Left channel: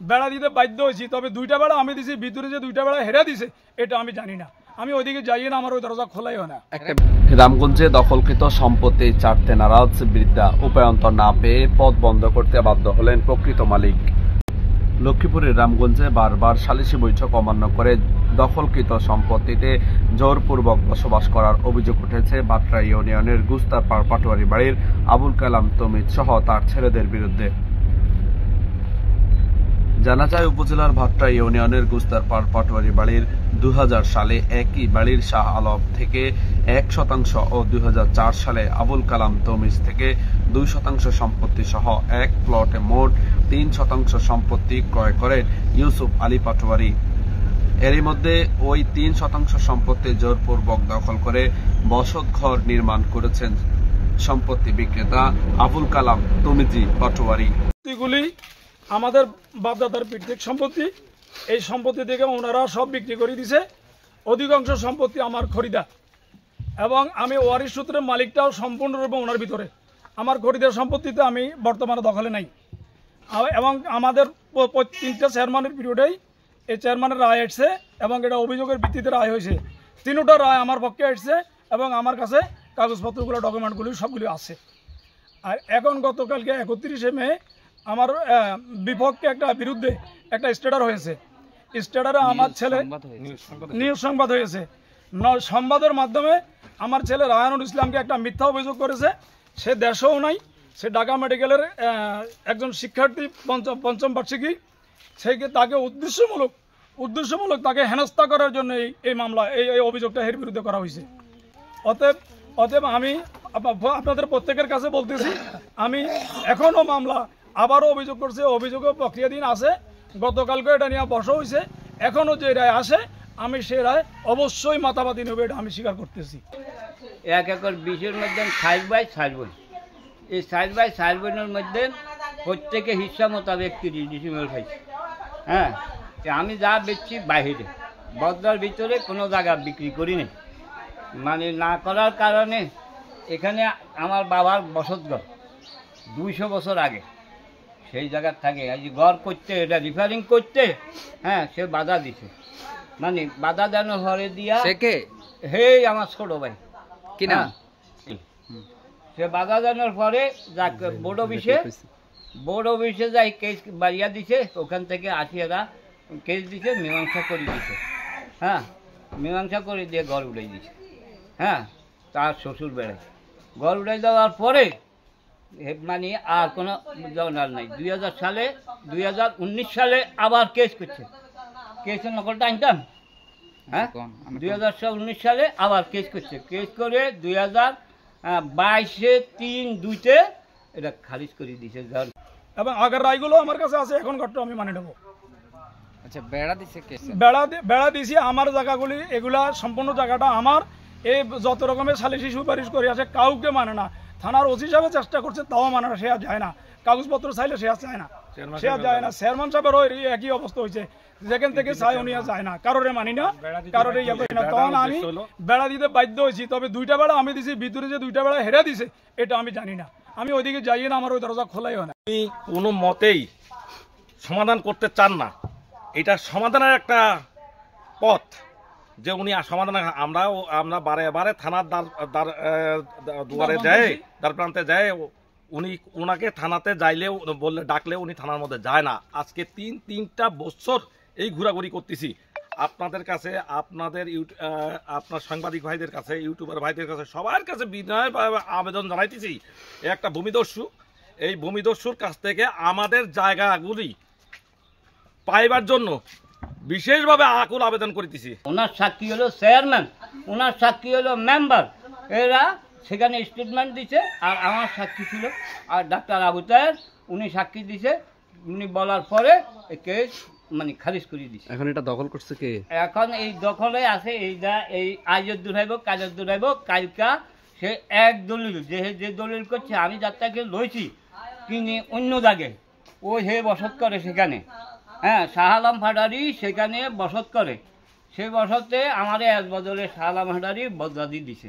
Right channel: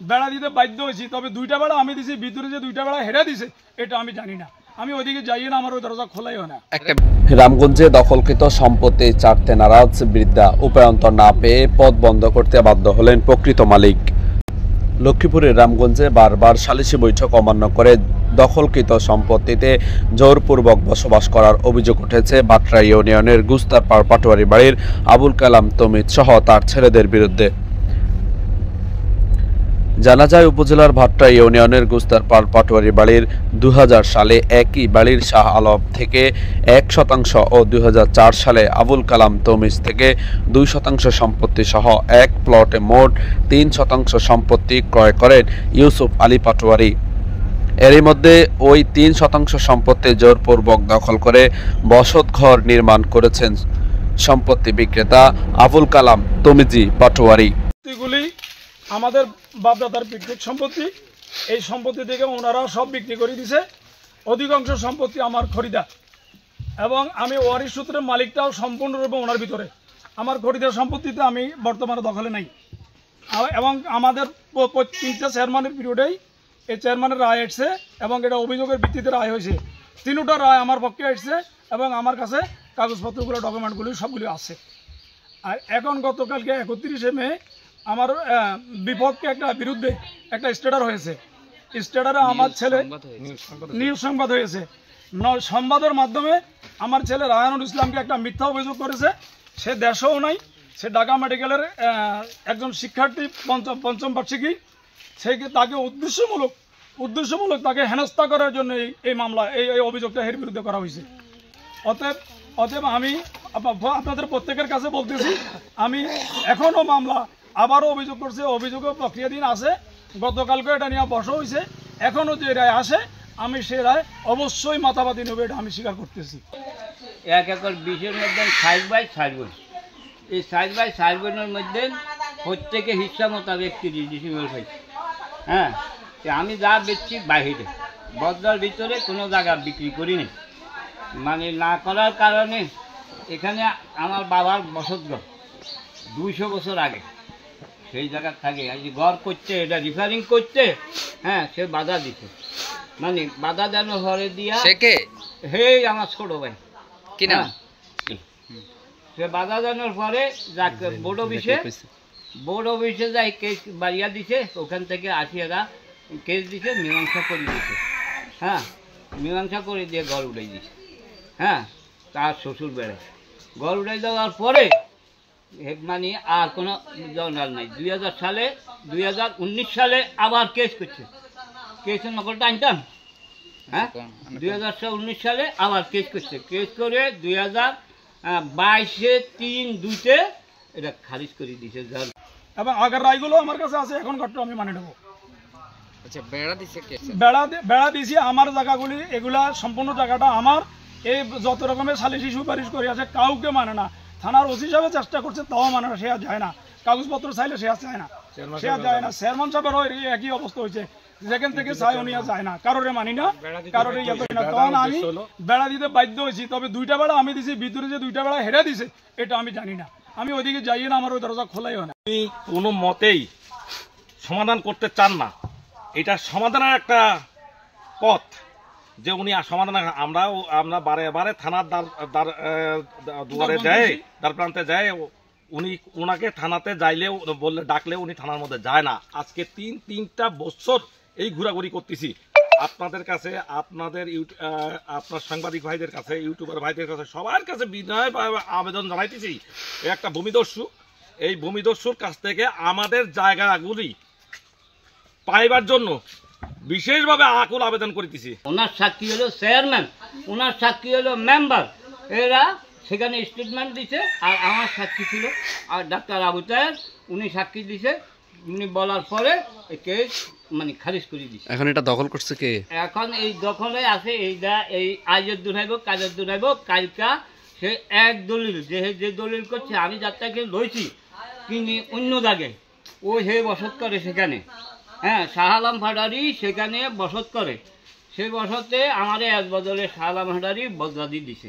বেড়া দিতে বাধ্য হয়েছি, তবে 2টা বেড়া আমি দিছি, ভিতরে যে 2টা বেড়া হেরে দিছে এটা আমি জানি না। আমি ওইদিকে যাইয়ে না, আমার ওই দরজা খোলাই হয় না। রামগঞ্জে দখলকৃত সম্পত্তি ছাড়তে নারাজ বৃদ্ধা, উপায়ন্তর না পেয়ে পথ বন্ধ করতে বাধ্য হলেন প্রকৃত মালিক। লক্ষ্মীপুরের রামগঞ্জে বারবার সালিশি বৈঠক অমান্য করে দখলকৃত সম্পত্তিতে জোরপূর্বক বসবাস করার অভিযোগ উঠেছে বাটরা ইউনিয়নের গুস্তারপাড় পাটোয়ারি বাড়ির আবুল কালাম তমিজ সহ তার ছেলেদের বিরুদ্ধে। জানা যায়, উপজেলার ভাট্রা ইউনিয়নের গুস্তারপাড় পাটোয়ারি বাড়ির 2000 সালে একই বাড়ির শাহ আলম থেকে 1% ও 2004 সালে আবুল কালাম তমিজ থেকে 2% সম্পত্তি সহ এক প্লটে মোট 3% সম্পত্তি ক্রয় করেন ইউসুফ আলী পাটোয়ারি। এরই মধ্যে ওই 3% সম্পত্তি জোরপূর্বক দখল করে বসতঘর নির্মাণ করেছেন সম্পত্তি বিক্রেতা আবুল কালাম তমিজি পাটোয়ারি। আমাদের বাপদাদার পিতৃক সম্পত্তি, এই সম্পত্তি থেকে ওনারা সব বিক্রি করে দিছে। অধিকাংশ সম্পত্তি আমার খরিদার এবং আমি ওয়ারিশ সূত্রের মালিকটাও সম্পূর্ণরূপে ওনার ভিতরে। আমার খরিদার সম্পত্তিতে আমি বর্তমানে দখলে নাই এবং আমাদের 3টা চেয়ারম্যানের পিরিয়ডেই এই চেয়ারম্যানের রায় আসছে এবং এটা অভিযোগের ভিত্তিতে রায় হয়েছে। 3টা রায় আমার পক্ষে আসছে এবং আমার কাছে কাগজপত্রগুলো, ডকুমেন্টগুলি সবগুলি আছে। আর এখন গতকালকে 31শে মে আমার বিপক্ষে বিরুদ্ধে একটা স্টেটার হয়েছে। স্টেটারে আমার ছেলে নিউজ সংবাদ হয়েছে। সংবাদের মাধ্যমে আমার ছেলে রায়হানুল ইসলামকে একটা মিথ্যা অভিযোগ করেছে। সে দেশেও নাই, সে ঢাকা মেডিকেলের একজন শিক্ষার্থী, পঞ্চম বার্ষিকী। তাকে উদ্দেশ্যমূলক তাকে হেনস্থা করার জন্য এই মামলা, এই অভিযোগটা এর বিরুদ্ধে করা হয়েছে। অতএব আমি আপনাদের প্রত্যেকের কাছে বলতেছি, আমি এখনও মামলা আবারও অভিযোগ করছে, অভিযোগের প্রক্রিয়াধীন আছে। গতকালকে এটা নিয়ে বসা হয়েছে। এখনও যে রায় আসে আমি সে রায় অবশ্যই মাথাবাদী নেবে, এটা আমি স্বীকার করতেছি। 1 একর 20-এর মধ্যে 60/60 বোন। এই 60/60 বোনের মধ্যে প্রত্যেকে হিস্সা মোতাবেক 30 ডিসিমেল হয়েছে। হ্যাঁ, আমি যা বেচছি বাইরে, বদলার ভিতরে কোনো জায়গা বিক্রি করি নি। মানে না করার কারণে এখানে আমার বাবার বসতঘর 200 বছর আগে, সেই জায়গার থাকে আজ ঘর করতে, এটা রিপেয়ারিং করতে, হ্যাঁ, সে বাধা দিচ্ছে। মানে বাধা যেন ঘরে দিয়া হেই আমার ছোট ভাই কিনা, সে বাধা জানার পরে বোর্ড অফিসে যাই কেস বাড়িয়া দিছে। ওখান থেকে 80,000 কেস দিছে, মীমাংসা করে দিছে। হ্যাঁ, মীমাংসা করে দিয়ে ঘর উড়াই দিছে। হ্যাঁ, তার শ্বশুর বেড়ে ঘর উড়াই দেওয়ার পরে মানে আর কোনো জনার নাই। 2019 সালে আবার কেস করছে। কেসের নকলটা আনতাম। হ্যাঁ, 2019 সালে আবার কেস করছে। কেস করে 2022-এ 3/2-তে এটা খারিজ করে দিয়েছে। এবং আগের রায়গুলো আমার কাছে আছে, এখন ঘটনা আমি মানে নেব। আচ্ছা, বেড়া দিছে কে? বেড়া দিছি আমার জায়গাগুলি, এগুলা সম্পূর্ণ জায়গাটা আমার। এই যত রকমের সালিশি সুপারিশ করে আছে কাউকে মানে না। থানার ওসি সাহেব চেষ্টা করছে, তাও মানে না, সে আর যায় না। কাগজপত্র চাইলে সে আর যায় না, সে আর যায় না। চেয়ারম্যান সাহেবেরও একই অবস্থা হয়েছে, যেখান থেকে চাই উনি আর যায় না, কারোরে মানি না, কারোরে ইয়ে করি না। তখন আমি বেড়া দিতে বাধ্য হয়েছি, তবে 2টা বেড়া আমি দিছি, ভিতরে যে 2টা বেড়া হেরে দিছে এটা আমি জানি না। আমি ওইদিকে যাইয়ে না, আমার ওই দরজা খোলাই হয় না। উনি কোনো মতেই সমাধান করতে চান না। এটা সমাধানের একটা পথ যে উনি সমাধান, আমরা বারে বারে থানার দুয়ারে যায়, দ্বার প্রান্তে যায়, ওনাকে থানাতে যাইলেও বললে ডাকলেও উনি থানার মধ্যে যায় না। আজকে 3টা বছর এই ঘোরাঘুরি করতেছি। আপনাদের কাছে, আপনার সাংবাদিক ভাইদের কাছে, ইউটিউবার ভাইদের কাছে, সবার কাছে বিনয় আবেদন জানাইতেছি, একটা ভূমিদস্যু, এই ভূমিদস্যুর কাছ থেকে আমাদের জায়গাগুলি পাইবার জন্য বিশেষভাবে আকুল আবেদন করিতেছি। ওনার সাক্ষী হলো চেয়ারম্যান, ওনার সাক্ষী হলো মেম্বার, এরা সেখানে স্টেটমেন্ট দিছে। আর আমার সাক্ষী ছিল আর ডাক্তার আবু তাহের, উনি সাক্ষী দিছে। উনি বলার পরে কেস মানে খারিজ করে দিছে। এখন এটা দখল করছে কে? এখন এই দখলে আছে এই আজের দুরাইব, কাজের দুরাইব। কালকা সে এক দলিল, যে দলিল করছে, আমি যাত্রাকে লইছি তিনি অন্য জায়গায়, ও হে বসত করে সেখানে। হ্যাঁ, শাহ আলম ভান্ডারী সেখানে বসত করে। সেই বসতে আমাদের এক বদলে শাহ আলম ভান্ডারী বদলাদি দিছে।